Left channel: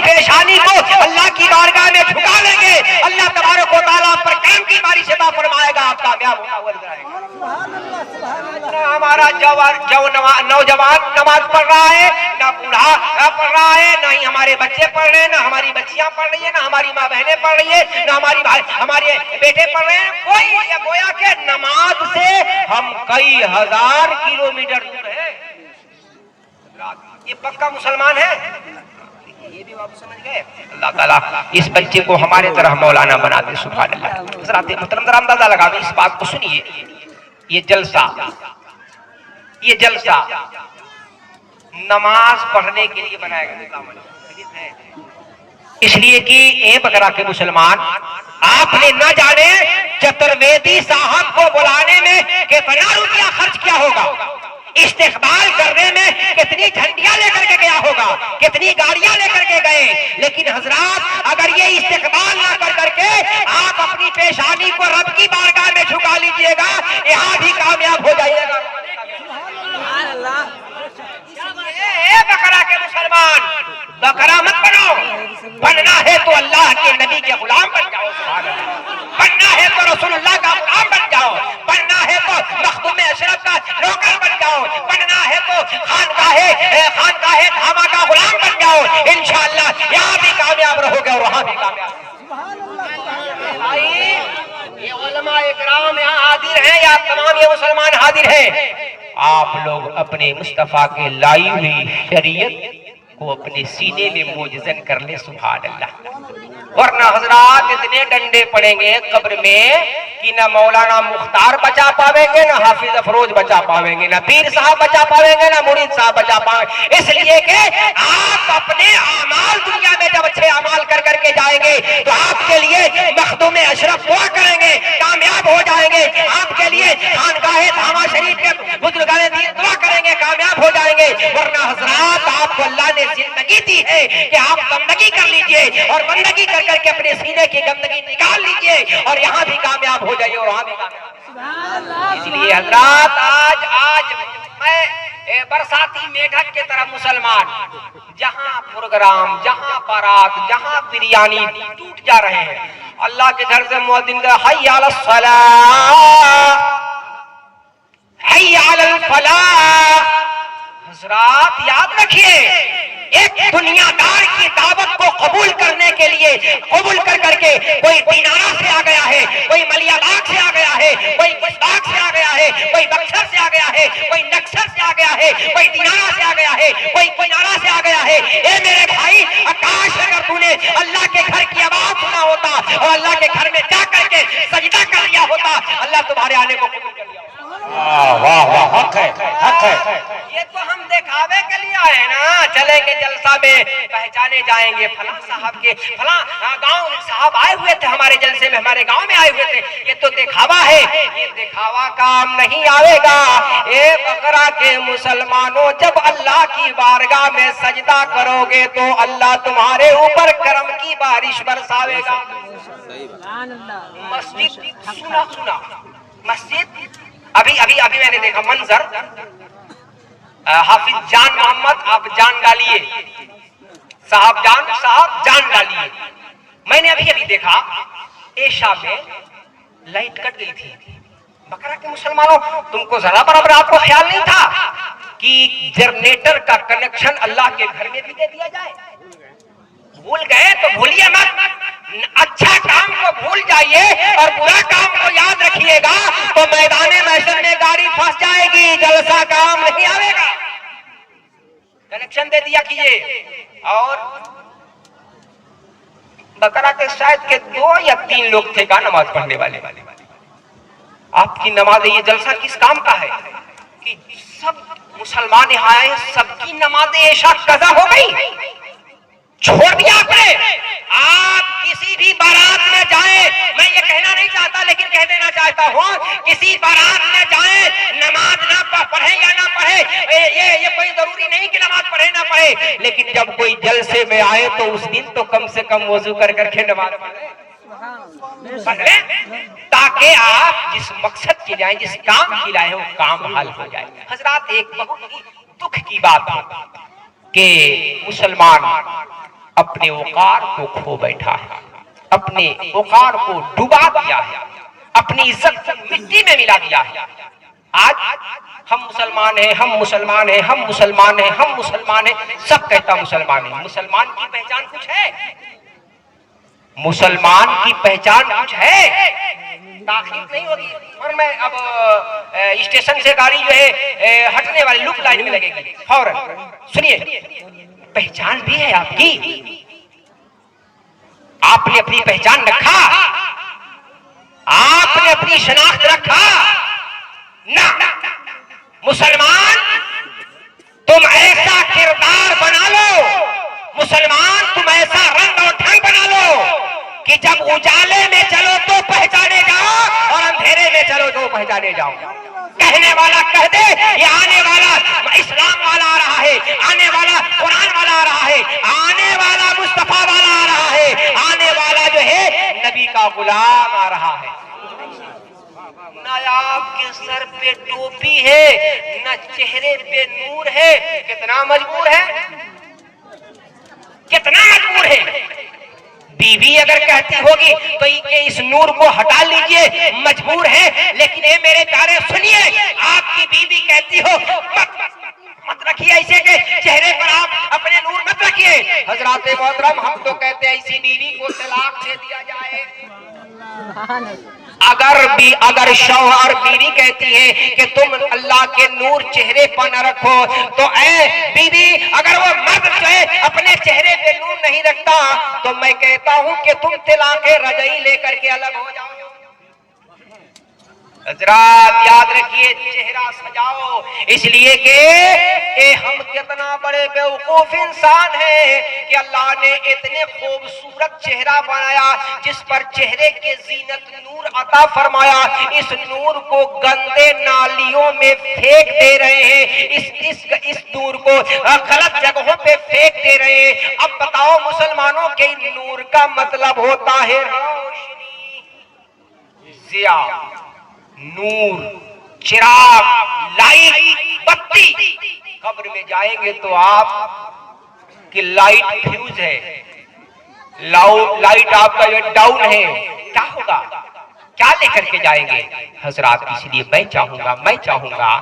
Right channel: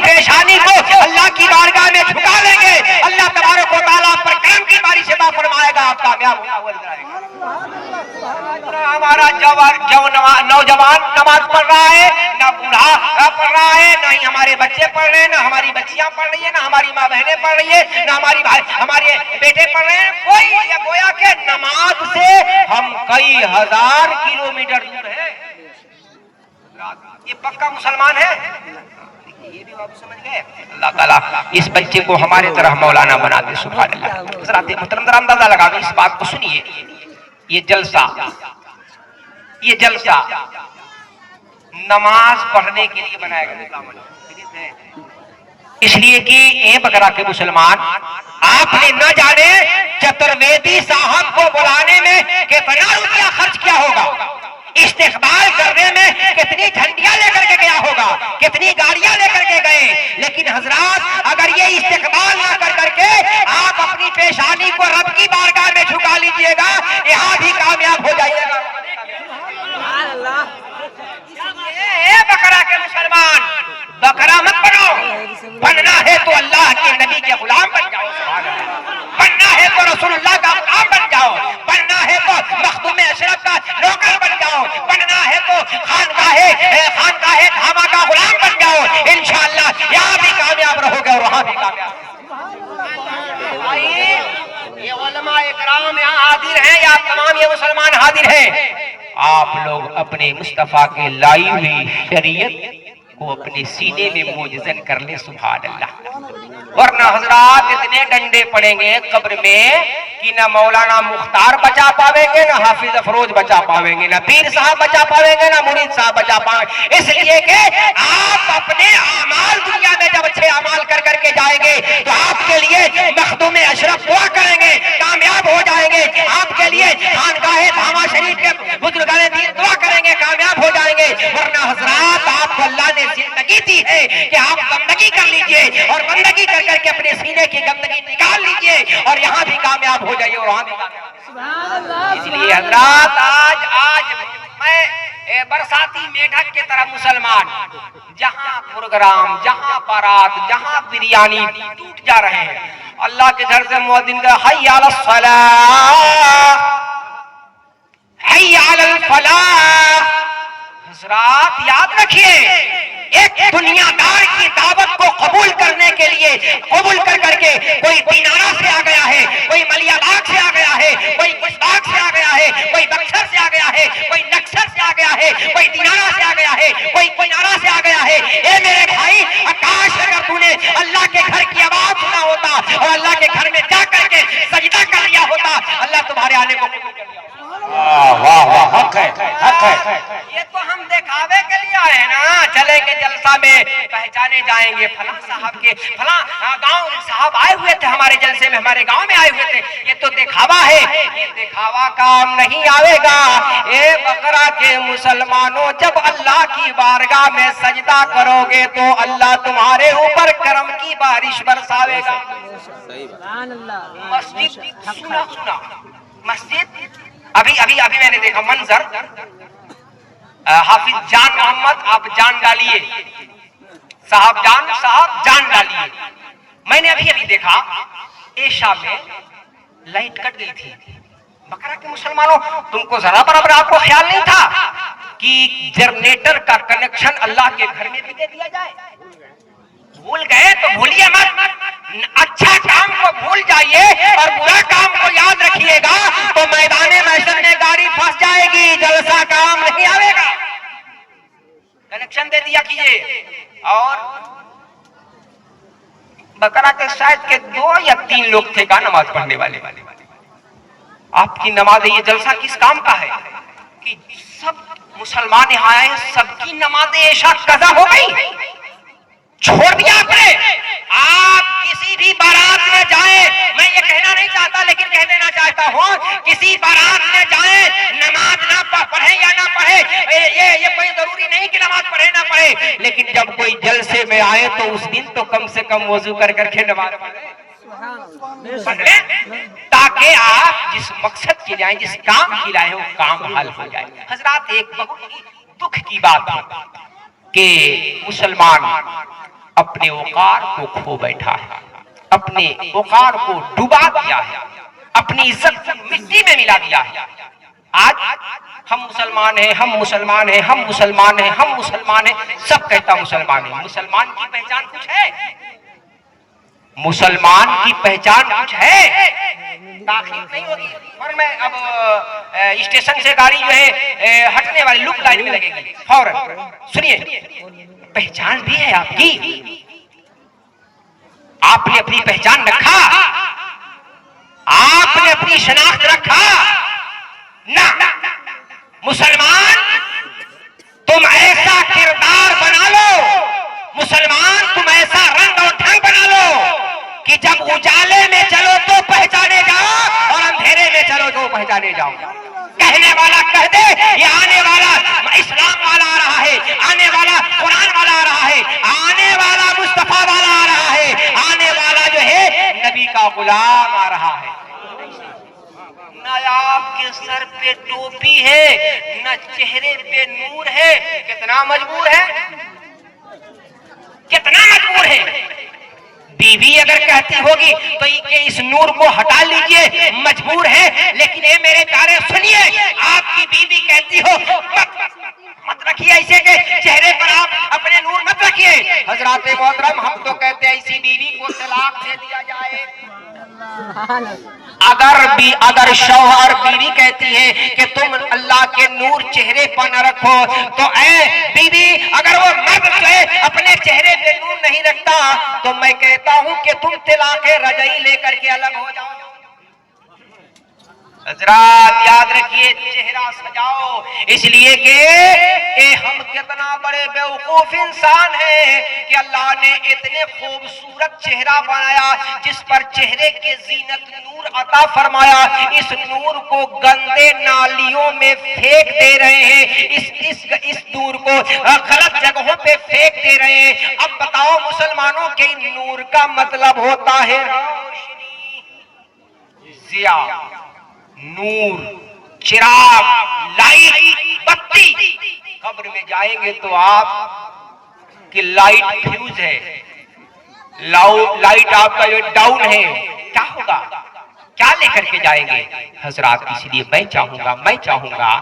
پیشانی کو اللہ کی بارگاہ میں جھکا لیں گے، اللہ تبارک و تعالیٰ پر کرم کی بارش عطا فرمائے گا، آپ کامیاب ہمارا نوجوان نماز پڑھ رہا ہے، نہ بوڑھا پڑھ رہا ہے، نہ ہی ہمارے بچے پڑھ رہے ہیں، نہ ہماری بچیاں پڑھ رہی ہیں، نہ ہماری ماں بہنیں پڑھ رہی ہیں، نہ ہمارے بیٹے پڑھ رہے ہیں، کوئی یہ گویا کہ نماز سے ہم کئی ہزار کلومیٹر دور ہے۔ یہ پکا مسلمان ہے، یہ بھی آپ سمجھ گئے۔ اللہ تعالیٰ اس بچے کو ہمارے طرح مولانا بنا دے، سبحان اللہ۔ حضرات محترم ذرا اندازہ لگاویں اس بات کو، سنیے، یہ جلسہ نماز پڑھنے کے لیے بنایا گیا، اس لیے کہ اے بکرا کے مسلمان، آپ نے نہ جانے چترویدی صاحب کو بلانے میں کتنا روپیہ خرچ کیا ہوگا، استقبال کرنے میں کتنی جھنڈیاں لے کر کے گیا ہوگا، کتنی گاڑیاں لے کر کے گئے، لیکن حضرات اگر یہ استقبال نہ کر کے آپ اپنی پیشانی کو رب کی بارگاہ میں جھکا لیجئے گا، یہاں بھی کامیاب ہو جائیے گا۔ سبحان اللہ۔ اے بکرا کے مسلمان، بکرا مت بنو، بننا ہے تو اللہ کے نبی کے غلام بن جاؤ، بننا ہے تو رسول اللہ کا غلام بن جاؤ، بننا ہے تو مخدوم اشرف کا نوکر بن جاؤ، بننا ہے تو خانقاہ دھاما کا غلام بن جاؤ، انشاءاللہ یہاں بھی کامیاب رہو گے اور وہاں بھی کامیاب۔ یہ علماء اکرام یہاں حاضر ہیں یا تمام یہ مسلمان حاضر ہیں، آپ لوگ اپنے مصطفیٰ کے لائی ہوئی شریعت کو اپنے سینے میں موجزن کر لیں، سبحان اللہ۔ ورنہ حضرات اتنے ڈنڈے پڑیں گے قبر میں کہ نہ مولانا مختار بچا پاویں گے، نہ حافظ افروز بچا پاویں گے، نہ پیر صاحب بچا پاویں گے، نہ مرید صاحب بچا پاویں گے، اس لیے کہ آپ اپنے اعمال دنیا میں جب اچھے اعمال کر کے جائیں گے تو آپ کے لیے مخدوم اشرف دعا کریں گے، کامیاب ہو جائیں گے، آپ کے لیے خانقاہ دھاما شریف کے بزرگان دین دعا کریں گے، کامیاب ہو جائیں گے۔ ورنہ حضرات آپ کو اللہ نے زندگی دی ہے کہ آپ بندگی کر لیجئے، اور بندگی کر کے اپنے سینے کی گندگی نکال لیجئے اور یہاں بھی کامیاب ہو جائیے اور وہاں بھی کامیاب۔ اس لیے حضرات آج میں برساتی میڈک کے طرح مسلمان، جہاں پروگرام، جہاں بارات، جہاں بریانی ٹوٹ جا رہے ہیں، اللہ کے گھر سے مؤذن کا حی علی الصلاۃ، حی علی الفلاح۔ حضرات یاد رکھیے، ایک دنیا دار کی دعوت کو قبول کرنے کے لیے قبول کر کے کوئی دینارہ سے آ گیا ہے، کوئی ملیہ باغ سے آ گیا ہے، کوئی گستاخ سے آ گیا ہے، کوئی بکسر سے آ گیا ہے، کوئی نکسر سے آ گیا ہے، کوئی دینارہ سے آ گیا ہے، کوئی کنارہ سے آ گیا ہے۔ اے میرے بھائی، کاش اگر تو نے اللہ کے گھر کی آواز سنا ہوتا اور اللہ کے گھر میں جا کر کے سجدہ کر لیا ہوتا، اللہ تمہارے آنے کو قبول کر لیا۔ واہ واہ، حق ہے، حق ہے۔ یہ تو ہم دکھاوے کے لیے آئے نا، چلیں گے جلسہ میں پہچانے جائیں گے، فلاں صاحب کے فلاں گاؤں صاحب آئے ہوئے تھے ہمارے جلسے میں، ہمارے گاؤں میں آئے ہوئے تھے، یہ تو دکھاوا ہے، یہ دکھاوا کام نہیں آئے گا۔ اے بقرہ کے مسلمانوں، جب اللہ کی بارگاہ میں سجدہ کرو گے تو اللہ تمہارے اوپر کرم کی بارش برساوے گا۔ مسجد سنا مسجد، ابھی میں نے دیکھا منظر، حافظ جان محمد، آپ جان ڈالیے، صاحب جان ڈالیے۔ میں نے ابھی دیکھا عشاء میں لائٹ کٹ گئی تھی۔ بقرہ کے مسلمانوں، تم کو ذرا برابر آپ کو خیال نہیں تھا کہ جنریٹر کا کنیکشن اللہ کے گھر میں بھی دے دیا جائے؟ بھول گئے تو بھولیے مت، اچھا کام کو بھول جائیے اور برا کام کو یاد رکھیے گا تو میدان محشر میں گاڑی پھنس جائے گی، جلسہ کام نہیں آئے گا۔ کنیکشن دے دیا کیجئے۔ اور بقرہ کے شاید کے 2 یا 3 لوگ تھے نماز پڑھنے والے۔ آپ کی نماز، یہ جلسہ کس کام کا ہے کہ سب مسلمان یہاں آئے، سب کی نماز عشاء قضا ہو گئی، چھوڑ دیا آپ نے۔ آپ کسی بھی بارات میں جائیں، میں یہ کہنا نہیں چاہتا لیکن کہہ دینا چاہتا ہوں، کسی بارات میں جائیں، نماز نہ پڑھے یا نہ پڑھے، یہ کوئی ضروری نہیں کہ نماز پڑھے نہ پڑھے، لیکن جب کوئی جلسے میں آئے تو اس دن تو کم سے کم وضو کر کے نماز پڑھے، تاکہ آپ جس مقصد کے جائیں، جس کام کی لائے وہ کام حل ہو جائے۔ حضرات ایک بہت ہی دکھ کی بات ہے کہ مسلمان اپنے وقار کو کھو بیٹھا ہے، اپنے وقار کو ڈبا دیا ہے، اپنی عزت کو مٹی میں ملا دیا ہے۔ آج ہم مسلمان ہیں، ہم مسلمان ہیں، ہم مسلمان ہیں، ہم مسلمان ہیں، سب کہتا مسلمان ہیں۔ مسلمان کی پہچان کچھ ہے؟ مسلمان کی پہچان کچھ ہے؟ تاخیر نہیں ہوگی، اور میں اب اسٹیشن سے گاڑی جو ہے ہٹنے والی لک لائن میں لگے گی فوراً۔ سنیے، پہچان بھی ہے آپ کی، آپ نے اپنی پہچان رکھا، آپ نے اپنی شناخت رکھا نہ؟ مسلمان تم ایسا کردار بنا لو، مسلمان تم ایسا رنگ اور ڈھنگ بنا لو کہ جب اجالے میں چلو تو پہچانے جاؤ اور اندھیرے میں چلو تو پہچانے جاؤ۔ کہنے والا کہہ دے یہ آنے والا اسلام والا آ رہا ہے، آنے والا قرآن والا آ رہا ہے، آنے والا مصطفیٰ والا آ رہا ہے، آنے والا جو ہے نبی کا غلام آ رہا ہے۔ نہ آپ کے سر پہ ٹوپی ہے، نہ چہرے پہ نور ہے، کتنا مجبور ہے، کتنا مجبور ہے۔ بیوی اگر کہتی ہوگی تو اس نور کو ہٹا لیجئے، مجبور ہے، لیکن اے میرے پیارے سنیے، آپ کی بیوی کہتی ہو مت رکھیے ایسے کہ چہرے پر آپ اپنے نور مت رکھیے، حضرات محترم ہم تو کہتے ہیں ایسی بیوی کو طلاق دے دیا جائے۔ اگر شوہر بیوی کہتی ہے کہ تم اللہ کے نور چہرے پر نہ رکھو، تو اے بیوی اگر وہ مرد جو ہے اپنے چہرے پہ نور نہیں رکھتا تو میں کہتا ہوں کہ تم طلاق رجعی لے کر کے الگ ہو جاؤ۔ حضرات یاد رکھیے، چہرہ سجاؤ، اس لیے کہ ہم کتنا بڑے بیوقوف انسان ہیں کہ اللہ نے اتنے خوبصورت چہرہ بنایا جس پر چہرے کے زینت نور عطا فرمایا، اس نور کو گندے نالیوں میں پھینک دے رہے ہیں، اس نور کو غلط جگہوں پہ پھینک دے رہے ہیں۔ اب بتاؤ مسلمانوں کے نور کا مطلب ہوتا ہے روشنی، ضیاء، نور، چراغ، لائٹ، بتی۔ قبر میں جائیں گے تو آپ کی لائٹ فیوز ہے، لائٹ آپ کا جو ڈاؤن ہے، کیا ہوگا؟ کیا لے کر کے جائیں گے؟ حضرات اس لیے میں چاہوں گا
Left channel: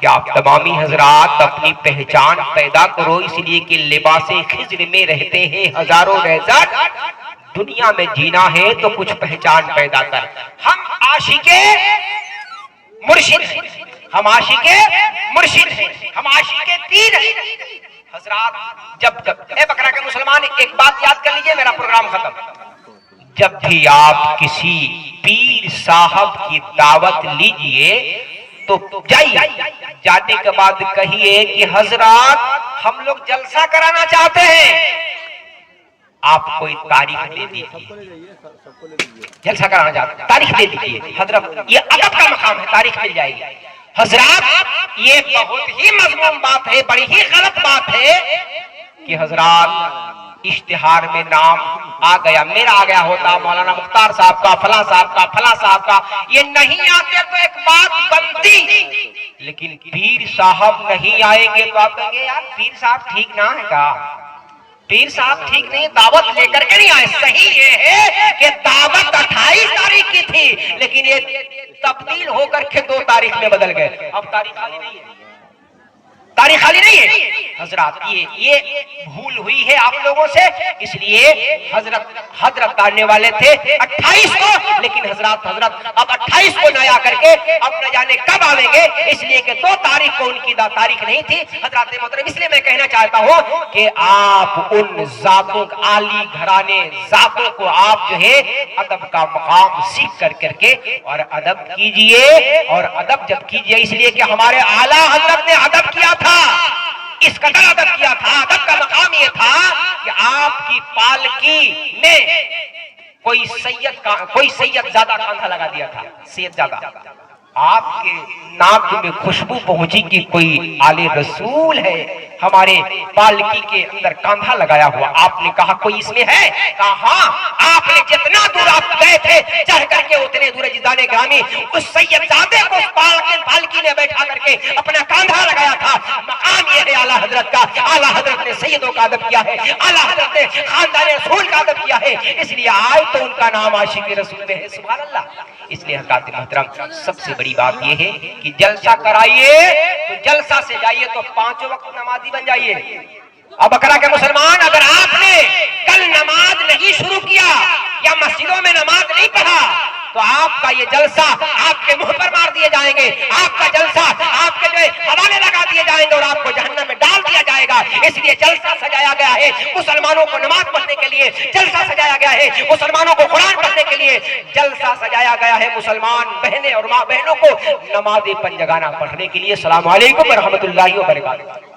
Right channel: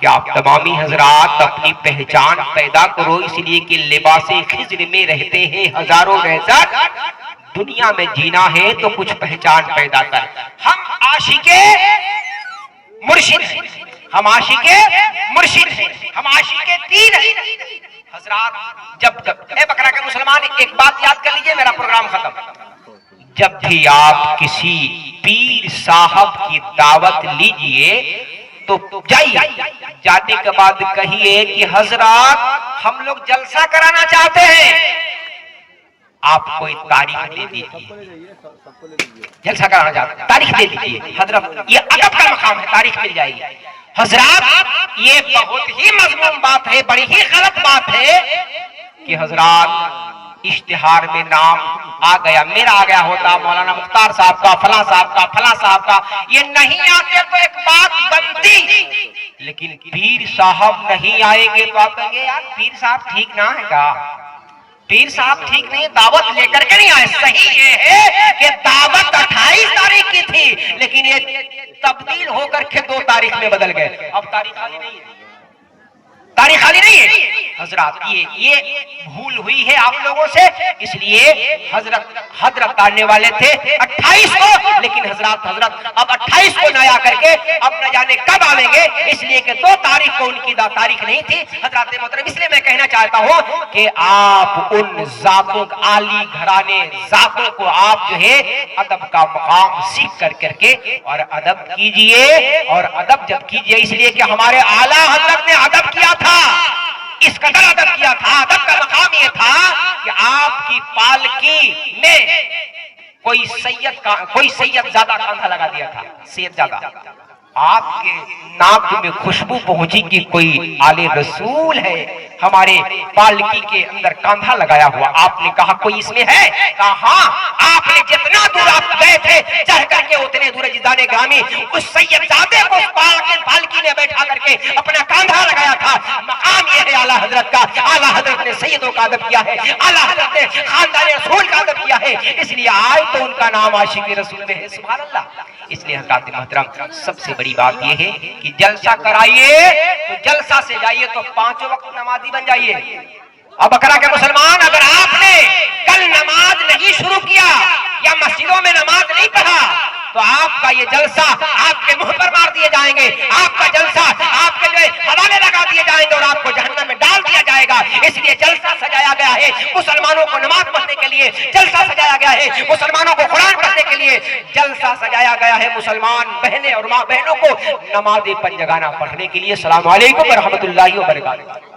کہ آپ تمامی حضرات اپنی پہچان پیدا کرو، اس لیے کہ لباس خضر میں رہتے ہیں ہزاروں رہزن، دنیا میں جینا ہے تو کچھ پہچان پیدا کر۔ ہم عاشق مرشد ہیں، ہم عاشق مرشد ہیں، ہم عاشق پیر ہیں۔ حضرات جب اے بکرا کے مسلمان ایک بات یاد کر لیجئے، میرا پروگرام ختم۔ جب بھی آپ کسی پیر صاحب کی دعوت لیجئے تو جائیے، جانے کے بعد کہیے کہ حضرات ہم لوگ جلسہ کرانا چاہتے ہیں، آپ کوئی تاریخ دے دیجیے، جلسہ کرانا چاہتے ہیں تاریخ دے دیجیے۔ حضرت یہ ادب کا مقام ہے، تاریخ مل جائے گی۔ حضرات یہ بہت ہی مضمون بات ہے، بڑی ہی غلط بات ہے کہ حضرات اشتہار میں نام آ گیا، میرا آ گیا ہوتا، مولانا مختار صاحب کا، فلاں صاحب کا، فلاں صاحب کا، یہ نہیں آتے تو ایک بات بنتی، لیکن پیر صاحب نہیں آئیں گے تو آپ کہیں گے یار پیر صاحب ٹھیک نہ ہے گا، پیر صاحب ٹھیک نہیں، دعوت لے کر کے نہیں آئے۔ صحیح یہ ہے کہ دعوت 28 تاریخ کی تھی، لیکن یہ تبدیل ہو کر کے 2 تاریخ میں بدل گئے، اب تاریخ خالی نہیں ہے، تاریخ خالی نہیں ہے۔ حضرات یہ بھول ہوئی ہے آپ لوگوں سے، اس لیے حضرت آنے والے تھے 28 کو، لیکن حضرت اب 28 کو نیا کر کے اب نہ جانے کب آویں گے، اس لیے کہ 2 تاریخ کو ان کی تاریخ نہیں تھی۔ حضرات محترم اس لیے میں کہنا چاہتا ہوں کہ آپ ان ذاتوں عالی گھرانے ذاتوں کو آپ جو ہے ادب کا مقام سیکھ کر کے اور ادب کیجئے، اور ادب جب کیجئے اس لیے کہ ہمارے اعلیٰ حضرت نے ادب کیا تھا، اس قدر ادب کیا تھا، ادب کا مقام یہ تھا کہ آپ کی پالکی میں کوئی سید زیادہ کاندھا لگا دیا تھا، سید زیادہ، آپ کے ناک میں خوشبو پہنچی کہ کوئی آل رسول ہے، ہمارے پالکی کے اندر کاندھا لگایا ہوا. آپ نے کہا کوئی اس میں ہے؟ کہا ہاں. آپ نے جتنا دور آپ گئے تھے چڑھ کر کے اتنے دور جدان گرامی اس سیدزادے کو پالکی نے بیٹھا کر کے اپنا کاندھا لگایا تھا. مقام یہ ہے اعلیٰ حضرت کا. اعلیٰ حضرت نے سیدوں کا ادب کیا ہے, اعلیٰ حضرت نے خاندان رسول کا ادب کیا ہے, اس لیے آج تو ان کا نام عاشق رسول میں ہے. سبحان اللہ. اس لیے حضرات محترم سب سے بڑی بات یہ ہے کہ جلسہ کرائیے تو جلسہ سے جائیے تو 5 وقت نمازی بن جائیے. اب بکرا کے مسلمان, اگر آپ نے کل نماز نہیں شروع کیا یا مسجدوں میں نماز نہیں پڑھا تو آپ کا یہ جلسہ آپ کے منہ پر مار دیے جائیں گے, آپ کا جلسہ آپ کے جو حوالے لگا دیے جائیں گے اور آپ کو جہنم میں ڈال دیا جائے گا. اس لیے جلسہ سجایا گیا ہے مسلمانوں کو نماز پڑھنے کے لیے, جلسہ سجایا گیا ہے مسلمانوں کو قرآن پڑھنے کے لیے, جلسہ سجایا گیا ہے مسلمان بہنیں اور ماں بہنوں کو نماز پنجگانہ پڑھنے کے لیے. السلام علیکم ورحمۃ اللہ وبرکاتہ.